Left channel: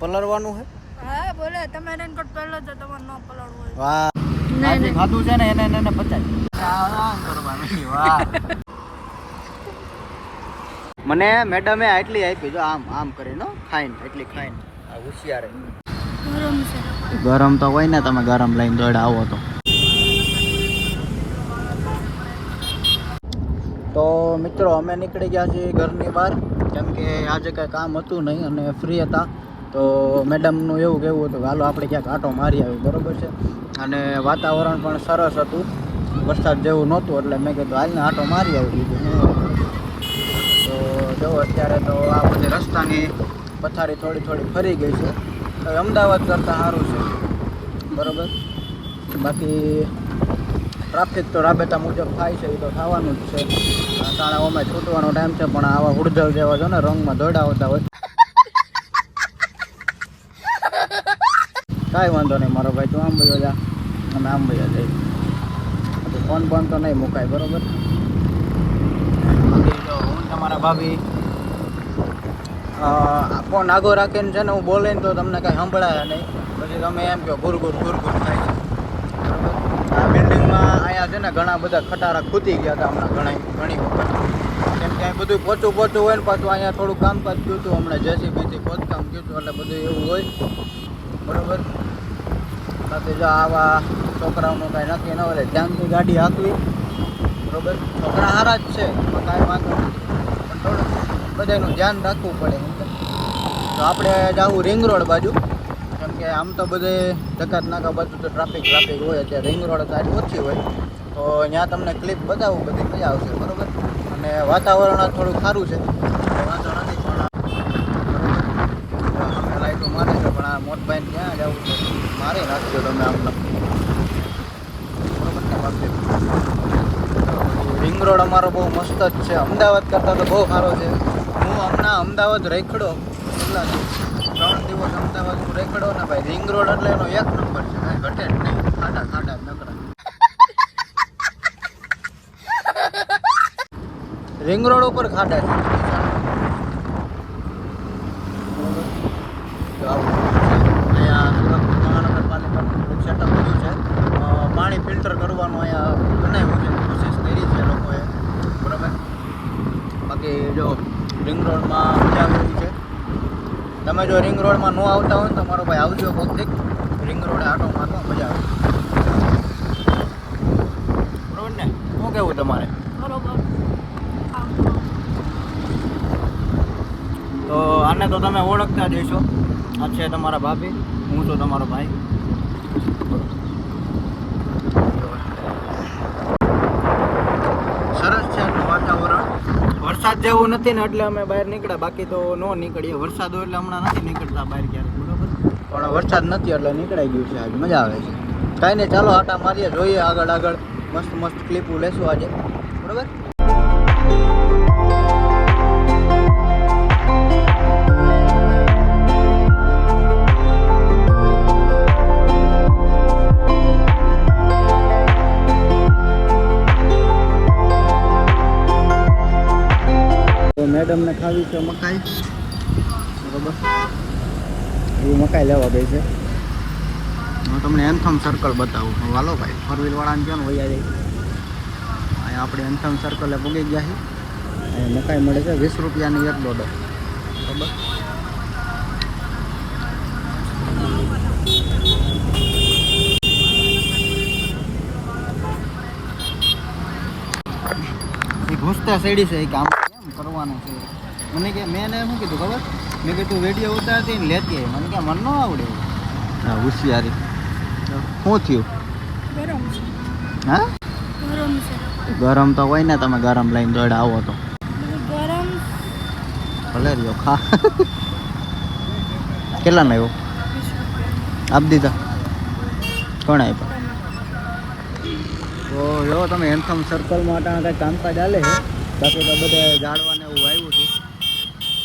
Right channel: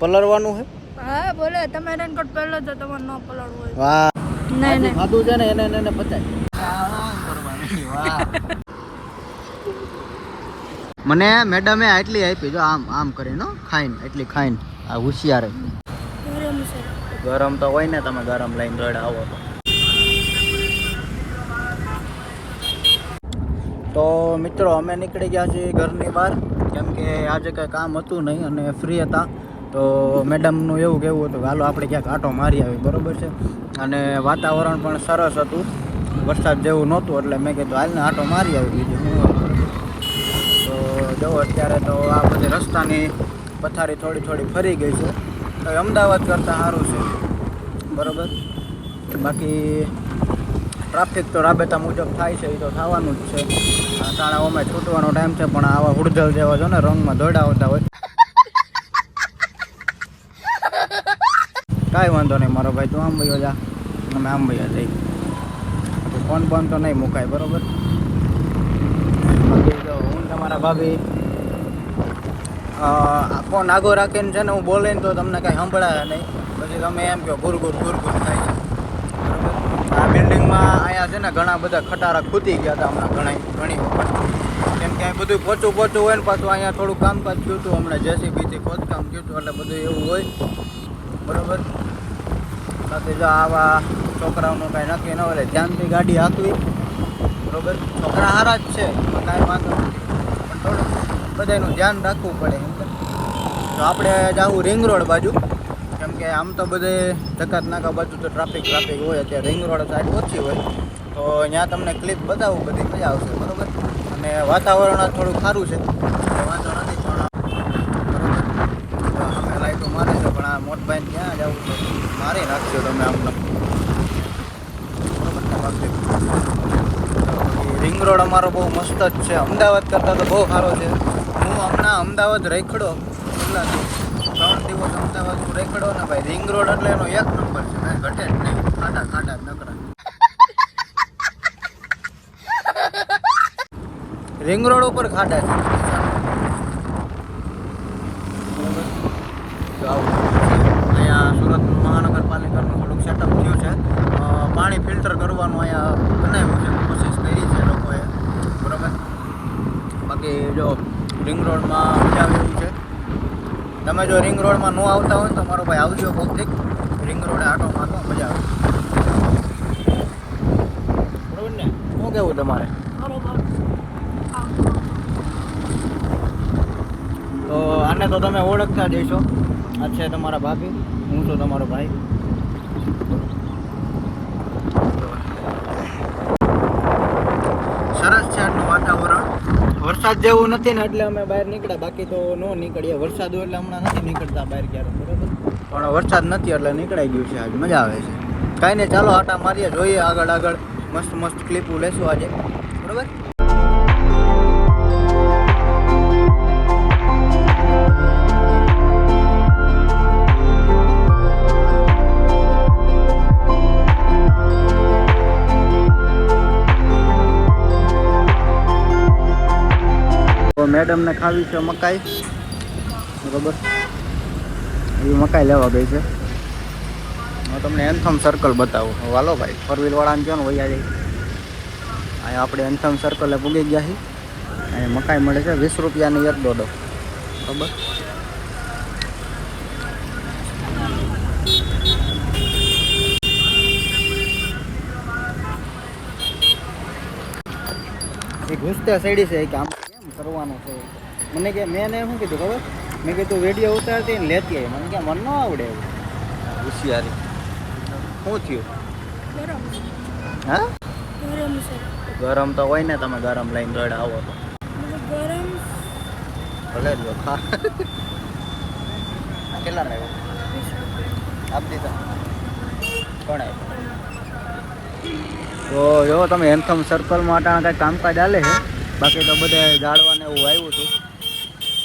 પલળવાનું છે હા બોલે તમે રેનકોટ પહેલો તો તમારે ન પલળવું હોય. વાહ. નહીં નહીં. ખાધું છે ને એને એને પતાય. આરામ કરવાનું વાહ મને મેડમે આટલી આપી જો આમ આમ કરીને ખાઈને એટલી ખાઈને. આ હોશિયાર. ગરમ છે. ગરમ તો હોય ને તમે ગરમ લઈને દોડ આવો તો. તો મિત્રો અમે નીકળી ગયા છીએ ઘરની બહાર. કેમ કે આજે કાંઈ કામ હતું નહીં અને ફ્રી હતા. તો મેડમનું એવું કેવું હતું કે હાલો, આપણે ક્યાંક આંટો મારી આવી બરાબર છે? અને વાતાવરણ પણ સરસ હતું. વરસાદ જેવું નહોતું, એટલે મેં કીધું, હાલને આંટો મારી આવી. તો જો અત્યારે તો આ બધી રસ્તાની પથારી થોડી થોડી ફરી ગઈ છે. તો અમદાવાદ કરતાં સારું છે. બરાબર? બાકી ટ્રાફિક તો રાબેતા મુજબ થાય છે, એ તો થવાનું જ છે. શાળાઓમાં છૂટવાનો ટાઈમ છે પણ આવા ગુર્જલ જેવા છો ને રંગમાં દોડા આવતા હોય કાંઈ વાંધો નહીં મારો ભાઈ તું આમ વયો જા તમે આમ વયા જઈ ફોન બોન તો નહીં મુકાય બરોબર બાકી જો હું તમારા ભાભી આ ફોન આગો રાખીને છે ને હું બોલે તો તમને કાંઈ સંભળાય નહીં. પછી તમે એમ કહો, ગુર ગુર ગુર ગુર થાય આ બિલ્ડિંગમાં અહીંયા છે ને ઘણા બધા ખટારા ખૂતી ગયા હતા હમણાં ઘણા, ઘણી વખત. કેમ કે બધું પોચું પોચું હોય ને પાછું અહીંયા થોડું કામકાજ થયું હતું, હમણાં જેસીબીથી ખોદકામ થયું હતું, એટલે બધું એવું હોય. બરાબર? બાકી જો આવા છોકરાઓનું કાંઈ નક્કી ન હોય ધ્યાનથી ગાડી હાંકવી. બરાબર? છોકરા સારા જ છે કાંઈ વાંધો પણ થોડું બધાનું ધ્યાન રાખવું પડે? તો આપણે જાવું રિંગ રોડ બાજુ. કેમ કે આમ તો બધે જકાત નાકા બાજુ તો ટ્રાફિક ટ્રાફિક હોય અત્યારે. રિંગ રોડ સારી ઓછી હોય. તો ત્યાં તમને ક્લિપ બતાવું, બધી મજા આવશે, બરોબર? અને વાતાવરણ થોડું સારું છે. વાંધો નથી પણ લાઈટો મારે છે, પણ આ મોટભાઈ ક્યાં જવું છે. મારી નાખજો તમે આમ રિંગ રોડ અમારો બહુ મસ્ત જ છે. અમદાવાદ કરતાં તો બહુ સારો છે. હું હમણાં અમદાવાદ રેખડો. કેટલા ત્રણ દિવસ અમદાવાદ હું રેખડો ને ભાઈ રિંગ રોડ એટલે એનો એક નંબર છે. કાંઈ ઘટે જ નહીં. ખાટા ખાટા નકરા રિંગ રોડ ઉપર ખાડા છે તો આવું અહીંયા સુરત મહાનગરપાલિકાનું સેટઅપ થયું છે અ, પાણી ફિલ્ટર કરવાનું અહીંયા બનાવ્યું છે કોશિશ કરી છે લોકોએ બરાબર બાકી જો રિંગ રોડમાં મજા આવે એવું છે તમે જો રિંગ રોડમાં ન આવતા હોય તો મારો ભાઈ આવજો કોકથી રિંગ રોડે આટો મારવા, મજા આવે. ને, શું કહેવું તમારે? તો આને તો તમે ઓળખતા હશો. આ છે તમારા ભાભી, હું તો તમારો ભાઈ સરસ છે આજનું વાતાવરણ વરસાદ જેવું નથી ને એટલે અમે બહાર નીકળ્યા. બાકી તો ન નીકળીએ. વરસાદ હોય એટલે હમણાં નથી નીકળતા બહાર ક્યારેક, બરોબર? પણ વરસાદ નથી એટલે નીકળાઈ ગયું છે આજે. મજા આવે છે. કાંઈ નહીં, ચાલો આટા મારીએ, જોઈએ આગળ આગળ. મસ્ત મસ્ત ક્લિપો લેશું આજે. બરોબર? મેડમને ખાવી છે મકાઈ. બરોબર? એ મકાઈ લેવા ગઈ છે. હું તમને એન્થમ સર્કલ બતાવું. વાલો ભાઈ ફોર વ્હીલ વાળાને કહો ને વૈયા જાય. અહીંયા આપણે એન્થમ સર્કલે પૂગી ગયા છીએ. મકાઈ મળે છે વીસ રૂપિયાની એક દોડો. બરોબર? ઘૂસતા સેડી છે કેમ કરવાનું છે. મને કે મેં એને શું કીધું ખબર? મેં કીધું વેડિયો ઉતારતી ને લેતી આવી? મને કે મન ન આવડે હા હોશિયારી. શું થયું? ગરમ હા? ગરમ છે. ગરમ તો હોય ને તમે ગરમ લઈને દોડ આવો તો. ગરમ ભલે રહ્યો ખા. કેટલાનો આવ્યો? એવો આપી દીધા. કોણ આપ્યો? તો જો તમે એન્થમ સર્કલમાં અટાણા કાંઈ કામકાજ ચાલે છે? બાકી તો બધે જાળવાને એવું આવ્યું હતું.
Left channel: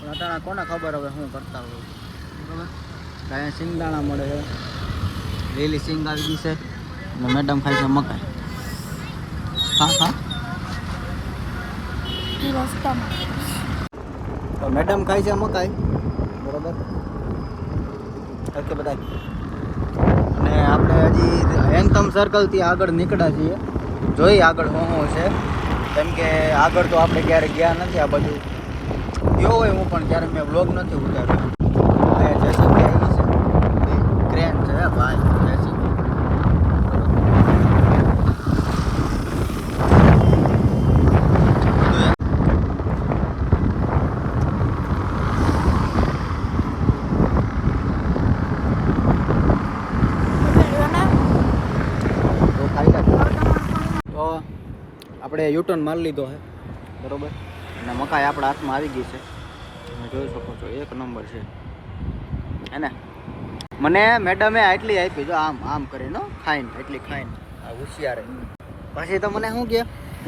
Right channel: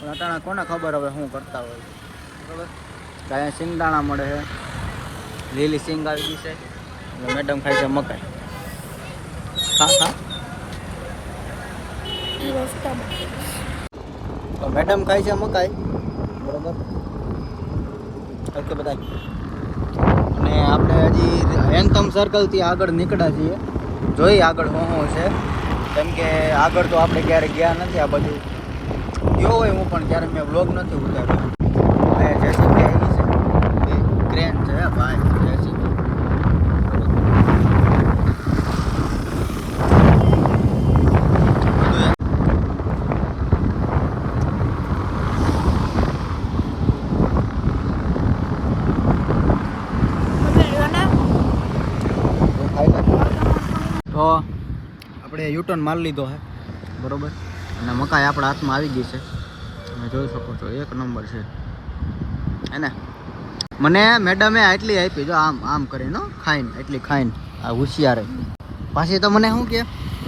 પણ અત્યારે કોને ખબર હવે શું કરતા હોય. બરાબર? કાંઈ સિંગદાણા મળે છે. લીલી સિંગ આવી ગઈ છે. અને મેડમ ખાય છે મકાઈ. હા હા મેડમ ખાય છે મકાઈ. બરોબર? ઓકે બધા અને આપણે હજી એન્થમ સર્કલથી આગળ નીકળ્યા છીએ. જોઈ આગળ શું છે. કેમ કે આગળ તો આપણે ક્યારેય ગયા નથી આ બધું ગયો હોય હું પણ ક્યારેય મેં વ્લોગ નથી ઉતાર્યો અને જે શું કહેવાય છે, એ ક્રેન છે ભાઈ બધું એમ તો ખાઈ લે તો આપણે યુટર્ન માલ લીધો છે બરોબર. અને મકાઈ આપણા હાથમાં આવી ગઈ છે. તમે જોઈ શકો છો એક નંબર છે. એને મને મેડમે આટલી આપી જો આમ આમ કરીને ખાઈને એટલી ખાઈને આ હોશિયાર પાછી તો મને શું કે?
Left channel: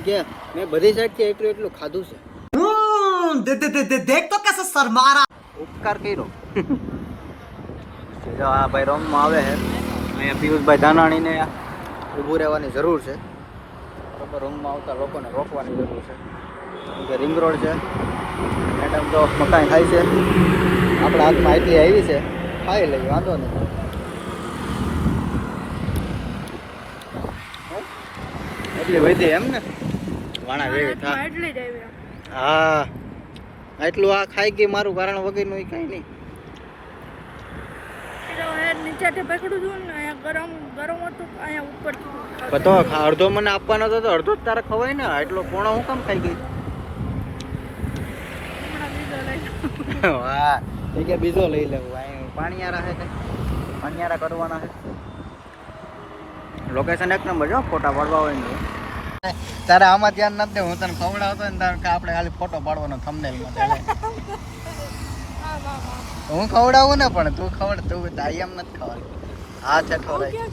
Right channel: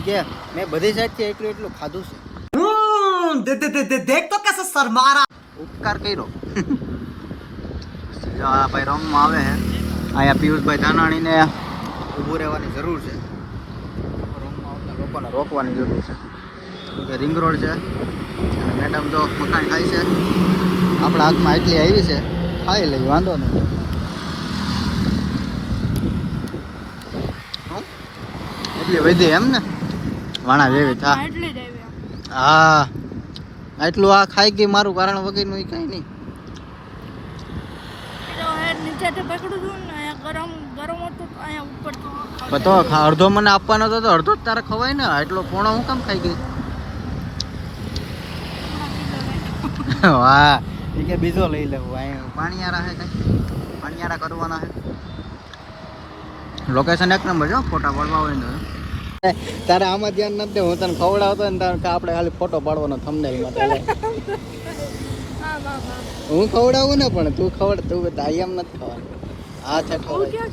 કે મેં બધી સાઈડથી એટલું એટલું ખાધું છે. દેખ તો કેસે ઉપકાર કર્યો. આ ભાઈ રોંગમાં આવે છે અહીંયા પિયુષભાઈ ધાનાણીને ઊભું રહેવાની જરૂર છે. લોકો રોંગમાં આવતા લોકોને રોકવાની જરૂર છે. કેમ કે રિંગ રોડ છે. અને મેડમ તો મકાઈ ખાય છે. આપણા હાથમાં એટલી આવી છે. ખાઈ લઈ વાંધો નથી? એટલી વધી એમ ને? વાણા વેવી થા. હા એટલું આ ખાઈ ગઈ મારું કારણ વગરનું કઈ નહીં. નીચેથી પકડું ગરમ ગરમ હતું અહીંયા ઉપર તો અડધો મને આપવાનો હતો તો અડધો જ તારે ખવાય ને. એટલો પોણો હું કામ ખાઈ ગઈ? વાહ. એ કે બીજો લઈ લેવું. અહીં પાણીયારા હે કઈ? પાણીયારા કરવાના હે? લોકેશન એક નંબર જો ફોટા પાડવા હોય ને તારે આમાં ધ્યાન નથી હું તને ખવડાવતો ને તારે કે આપણે ખાલી ફોટો પાડવાનો થંબનેલ માટે હું ખવડાવું ને પણ તું ખવડ તું એમ નથી ખાવાનું હા છે ક્યાં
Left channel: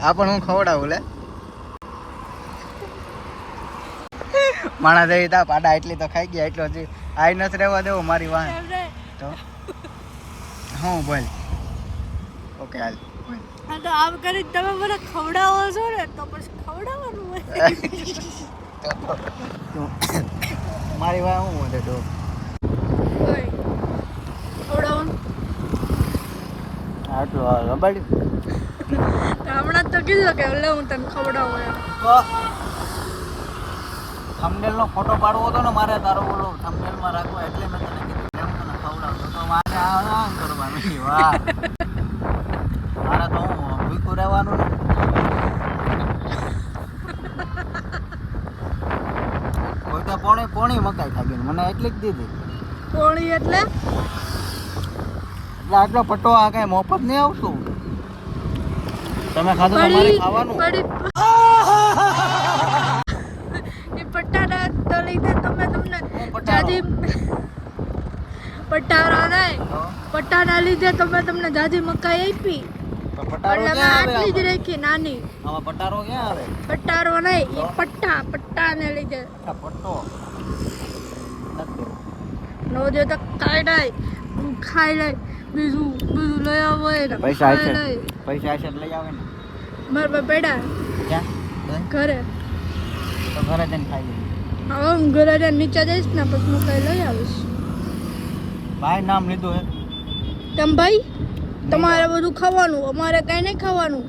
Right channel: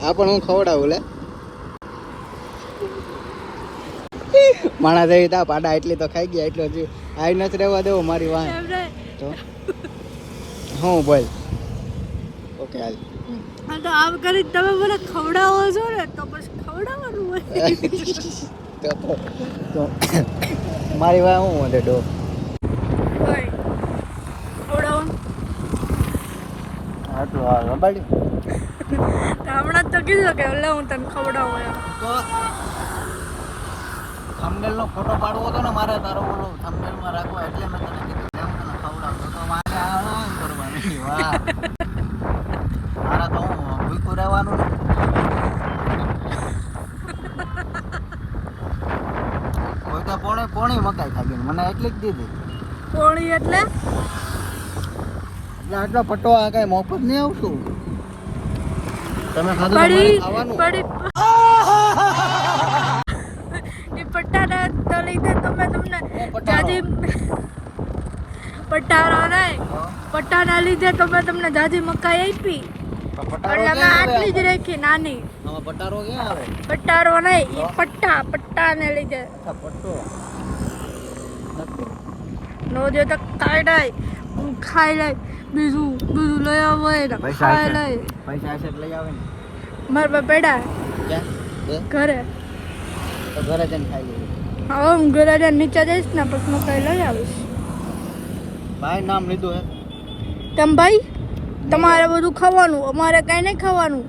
હા પણ હું ખવડાવું લે. માણા જેવી તા પાડા એટલી તો ખાઈ ગયા એટલો હજી આઈ નથી રહેવા દેવો મારી વાહ તો? હું બોલ. ઓકે હાલ. આમ કરી તમે મને ખવડાવો છો ને તો બસ ખવડાવવાનું હોય. તો- તો. મારી વાહ હું વધે ડો હોય. ખવડાવવાનું આટલું હા રબાડી. હમણાં તો કીધું કે લે હું તને ખવડાવું તો થંબનેલ નો ફોટો પાડવો હતો ને મારે તારો બોલો થંબનેલમાં રાખવો એટલે મેં તને કીધું કેમ તને ખવડાવતો તો મારે આમ કરવાનું? વાહ. મારે તો હું રહેવાનું ને. પોણી પોણી મકાઈ ખાઈ ગઈ મને એટલી જ દીધી. પોણી એટલે? એટલે આટલો પટ્ટો આ કઈ મોફત નહીં આવતું. તમે ખાધું તો ખાવાનું. એ પટ્ટાના તો લીધે તમે તમને જાજી પટ્ટારો નહીં. પટ્ટાના લીધે તમે તમને જાજી મકાઈ આપી. પટ્ટારો નહીં? એ પટ્ટા પટ્ટાને લીધે. પટ્ટો. નો દે તો કાંઈ નહીં. ખાઈ લઈ બીજું બધું લઈ આવો હોય પૈસા છે. પૈસા છે લઈ આવે ને મારા પાસે પડ્યા ઘરે? તો ઘરે જઈને ખાઈ લઈએ. હવે હું ઘરે જઈને નીચે જઈશ ને પછી મકાઈ લઈ આવીશ. ભાઈ નામ લીધું હે? તમ ભાઈ? તમારે બધું ખાવાનું? અમારે કાંઈ નહીં ખાવાનું.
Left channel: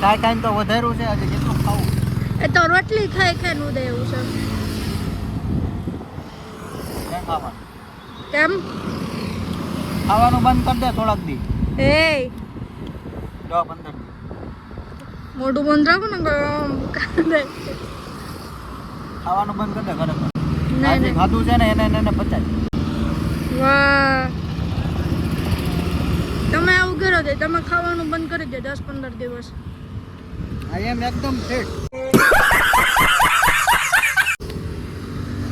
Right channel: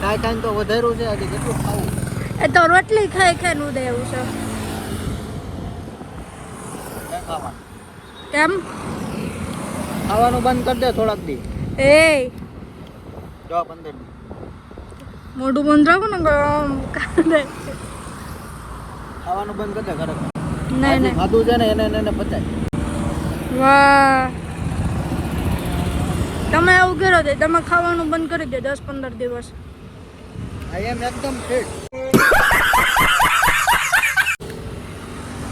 કાંઈ કાંઈ તો વધારું છે આજે કેટલું ખાવું? એ તો રોટલી ખાઈ ખાઈ નું એવું છે ક્યાં ખાવા એમ? ખાવાનું બંધ કરી દે થોડાક દી. એ. દસ પંદર દી. મોઢું બંધ રાખો ને આમ આવવાનું બંધ કરી દે ખરે નહીં નહીં. ખાધું છે ને એને એને પતાય. વાહ. તમે એવું કરો છો તમે ખાવાનું બંધ કરી દે દસ પંદર દિવસ. આઈ એમ એકદમ ફિટ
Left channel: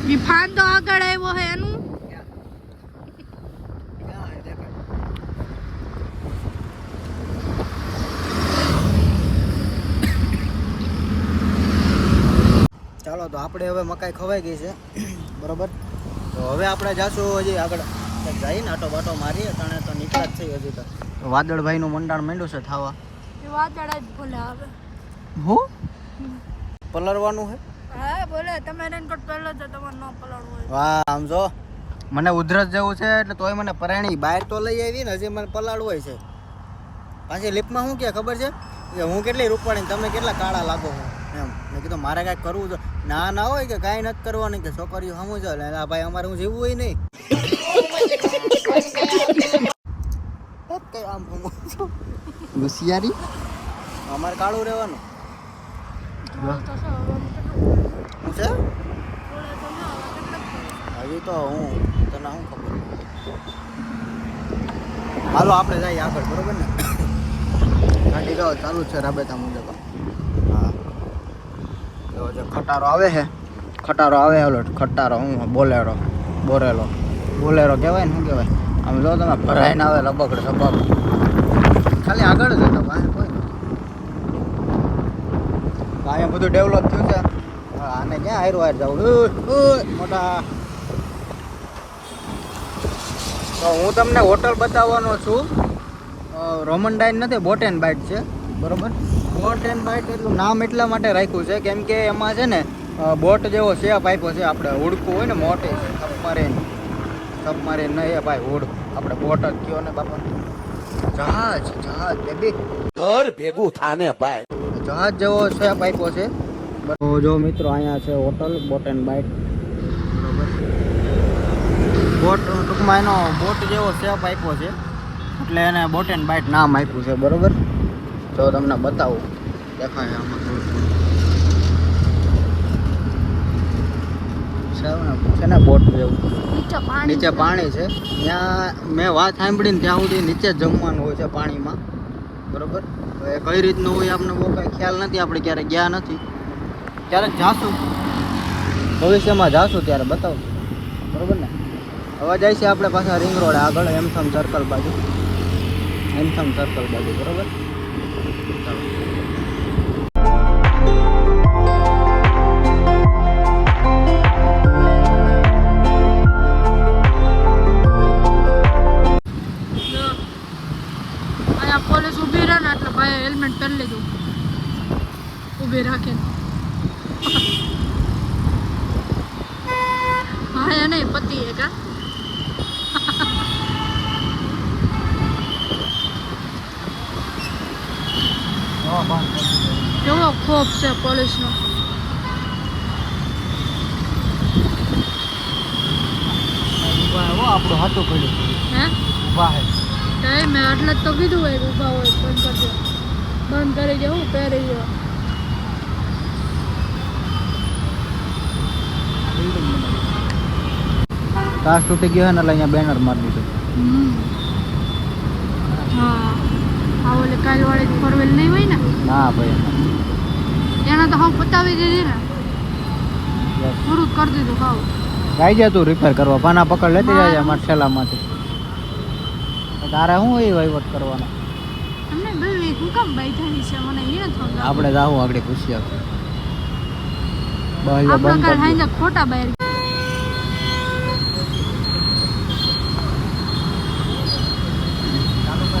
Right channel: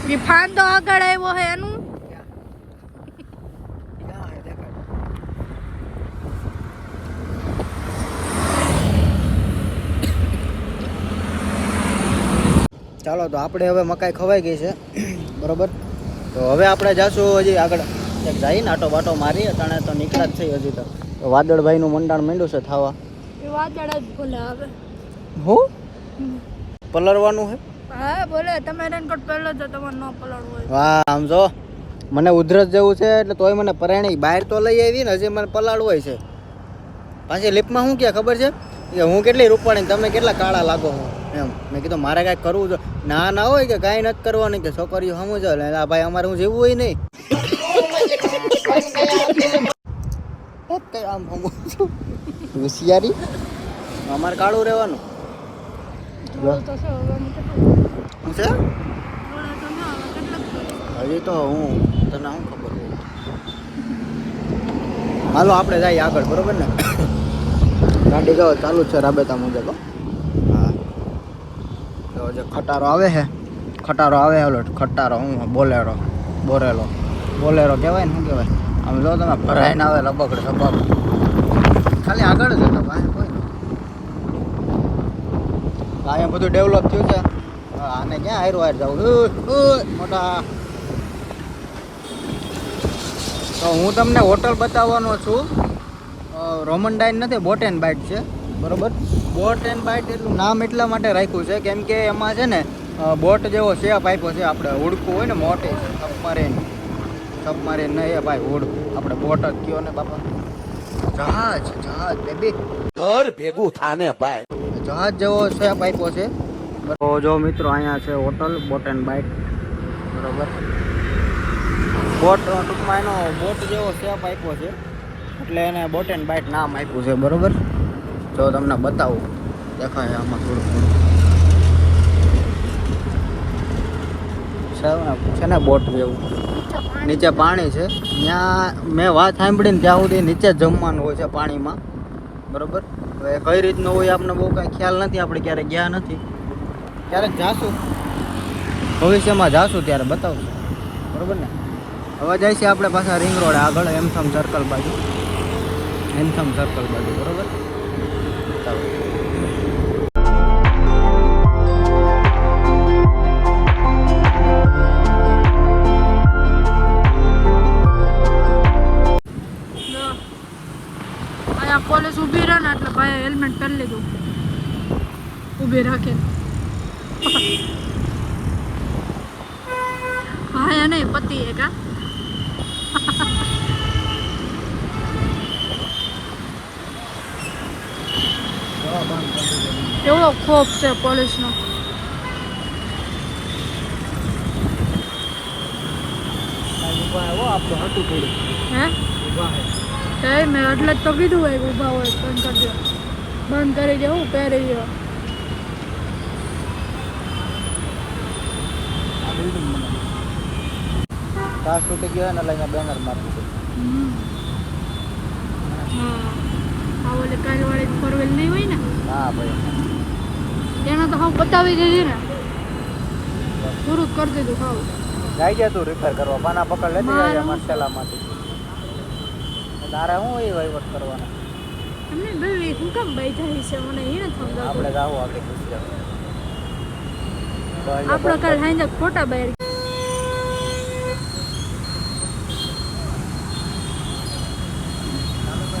રિફાન તો આગળ આવ્યો હે એનું ચાલો તો આપણે હવે મકાઈ ખવાઈ ગઈ છે. બરોબર? તો હવે આપણે જાશું હજી આગળ. જઈને આટો બાટો મારી અટાણે તો નીકળ્યા જ થઈ હજી તો. તો વાદળભાઈનું મંડાણ માંડ્યું છે થવા. એ વાદળ જ બોલે આવે હું? પલરવાનું છે હા બોલે તમે રેનકોટ પહેલો તો તમારે ન પલળવું હોય. વાહ આમ જો. મને ઉધરસ જેવું છે એટલે તોય મને પરાણી બહાર તો લઈ આવી ને હજી મને પલાળવું હોય છે. પાછી લિપમાં શું કે ખબર છે? કે હું કેટલી રૂપાણી તમે કેટલા કાળા લાગો છો? એમ. મેં કીધું મારે કાંઈક કરવું છે ના ના હોય કે કાંઈ નથી કરવાનું કે છોકરીઓ સમજો એટલે આ ભાઈ અમારે હું જેવું હોય નહીં. આમ હોશિયારી? અમારે કાળું રહેવાનું. હજી તો હું તને આમ ખબર હાલો આપણે જઈએ આગળ બરોબર ને? ગાડી જાઓ ચાલુ જ છે રાબેતા મુજબ જે ખટારો આવે છે? ખટારો આવે ઓલો ખટારો હું બોલેરો બોરેલો. બોલેરો કહેવાય ને જો તમે ભરાઈને આવે રબકડ રબક ખાલી આગળ જ હતો કોઈ અહીંયા બધું ડેવલપ થયું છે? આને ક્યાં હારું હાર મોટા. હું તમને હોટલ બતાવવાનો છું. રોમન ડાઇન નથી બોટેન બાઇટ છે. બરોબર? બોટ એન્ડ બાઇટ એટલું નામ એટલા માટે રાખ્યું છે કેમ કે એમાં છે ને બોટ જેવો શેપ આપ્યો છે આપણે ઉડકું હોય ને મોટો સબમરીન સબમરીન નહીં ભાઈ ઉડકું. બોટ. જહાજ જહાજ બેબી ઘર ભેગું થાને ભાઈ. જહાજ જેવો શેપ આપ્યો છે. તો જો મિત્રો અહીંયા છે હોટલ બોટ એન્ડ બાઇટ બરોબર. બોટ ટૂંકમાં એનો બોટ જેવો શેપ આપ્યો છે. એટલે એને બોટ એન્ડ બાઇટ નામ આપ્યું છે બરોબર? જો તમને બતાવું. દેખાય આમાં થોડું થોડું. છે ને બોટ જેવું નીચે પાણી. છે. ત્યાં મેં વાત સાંભળીને ત્યાં સુધી નીચે જમવાનું હોય છે પાણીમાં. બરોબર? કઈ રીતનું હોય આપણને બહુ કંઈ ખ્યાલ નથી. આપણે ક્યારેક ગયા નથી. ક્યારેક જાશું. ભવિષ્યમાં જાશું ત્યારે બતાવશું. હવે છે આપણે પાછા રિંગ રોડ આગળ એમ સર્કલ પર એમસમ સર્કલ બતાવો ઊભા હો પડ્યો. હા? ઊભા હે. એ મેં એટલે જ તો કીધું હોય ઊભા હોય બંધ કરી દેવું ત્યારે બિલ્ડિંગ તાસ તૂટી ગયો ને એટલે અહીંયા બેનર મારી દીધું હમ. હા. આ ઓલે કાલવાળી ફોર વ્હીલ નહીં હોય ને? હા ભાઈ. તેના તો હાવ પતાવી દીધી ને. પૂરું કરી દીધું હાવ. જાય તું રિપેર કરવા. પાના પકડ લેતી જાય અમારા તારે શું એ વહીવટ કરવાનો? તમને ભાઈ હું કેમ બેઠા છે? મને એ ન સમજાવ આપણે જાવું આગળ પૂછીએ આપણો કાલ હાંજે ખોટા બહાર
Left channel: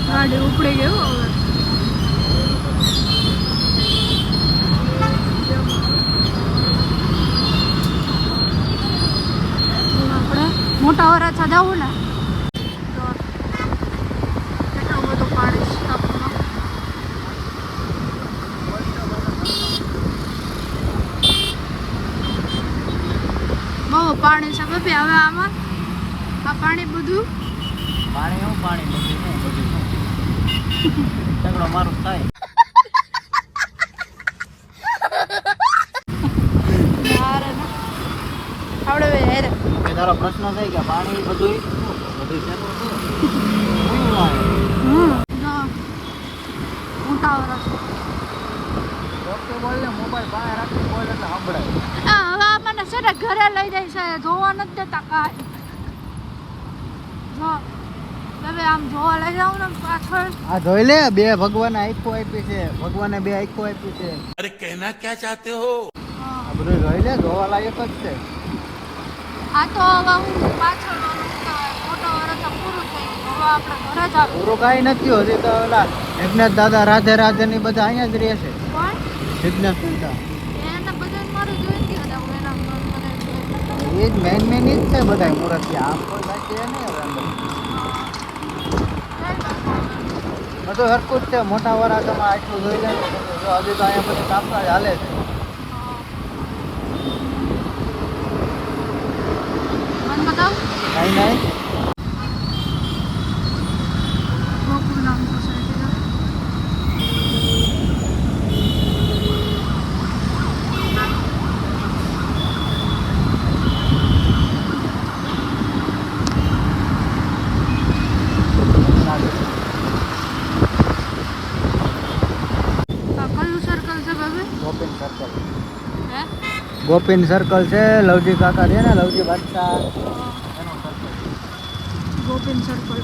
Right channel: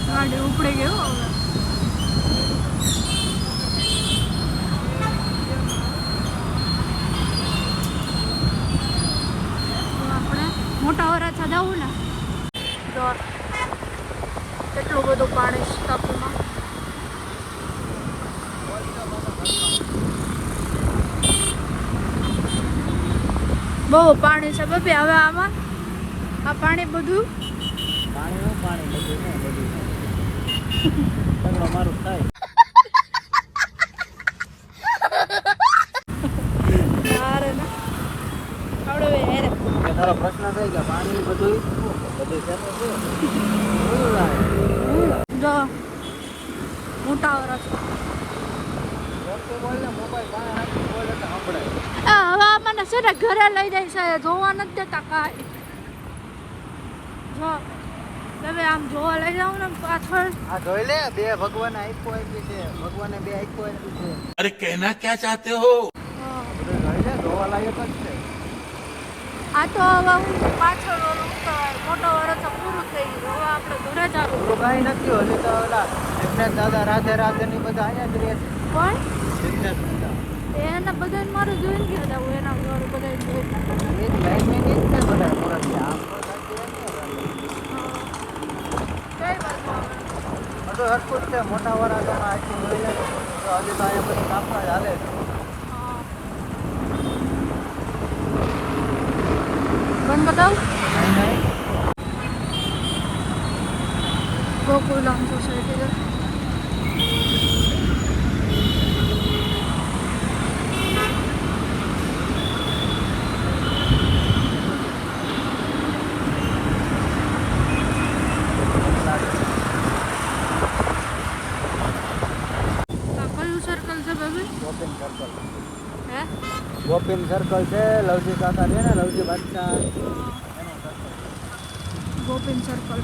ગાડી ઉપડે ગયો હવે આપણે મોટા વરાછા જવું ને? કેટલું બધું પાણી છે ટાંકીમાં બહુ પાણી છે બાપી હવે આમાં આ પાણી બધું? પાણી એવું પાણી બધું બધું. મારું થાય યાર ના આપણે બે હેરે ઘરે લઈ જાય છે જોવા નથી દેતા કાંઈ. જો તમે આમ જોવા લઈ જાવ ને પાછળ. આ જોઈ લે બે ભગવાન આઈકો આપી છે. ભગવાને બે આઈકો આપી છે. અરે કહેના ક્યાં ચાહતે હો? બધું જોઈ લે જોવા લાયક જ છે. આ તો હવે હું પાછળ ઓલું મોટો વરસ તો પૂરું થઈ ગયું. હવે આપણે ઘરે જ કાંઈ નથી હજી તો દાદા રાધે રાધે બધા અહીંયા જ રહેશે. પણ બધાને મારું જોઈને ગયા હતા એના ઘર બધા જોઈ. એ જ છે બધા સુરત આમ કોઈ નહીં હવે બધું હરકું છે. મોટા વરાસમાં આટલું જોઈ લે હજી તો અહીંયા બધું કામકાજ હાલે છે. বোন কোথাও নাই নাই। গোকুল অঞ্চল সাইডে ગોપીન સર્કલ છે લવજી કાકા છે ને લવજી બાદશાહ. ગોપીન સર્કલ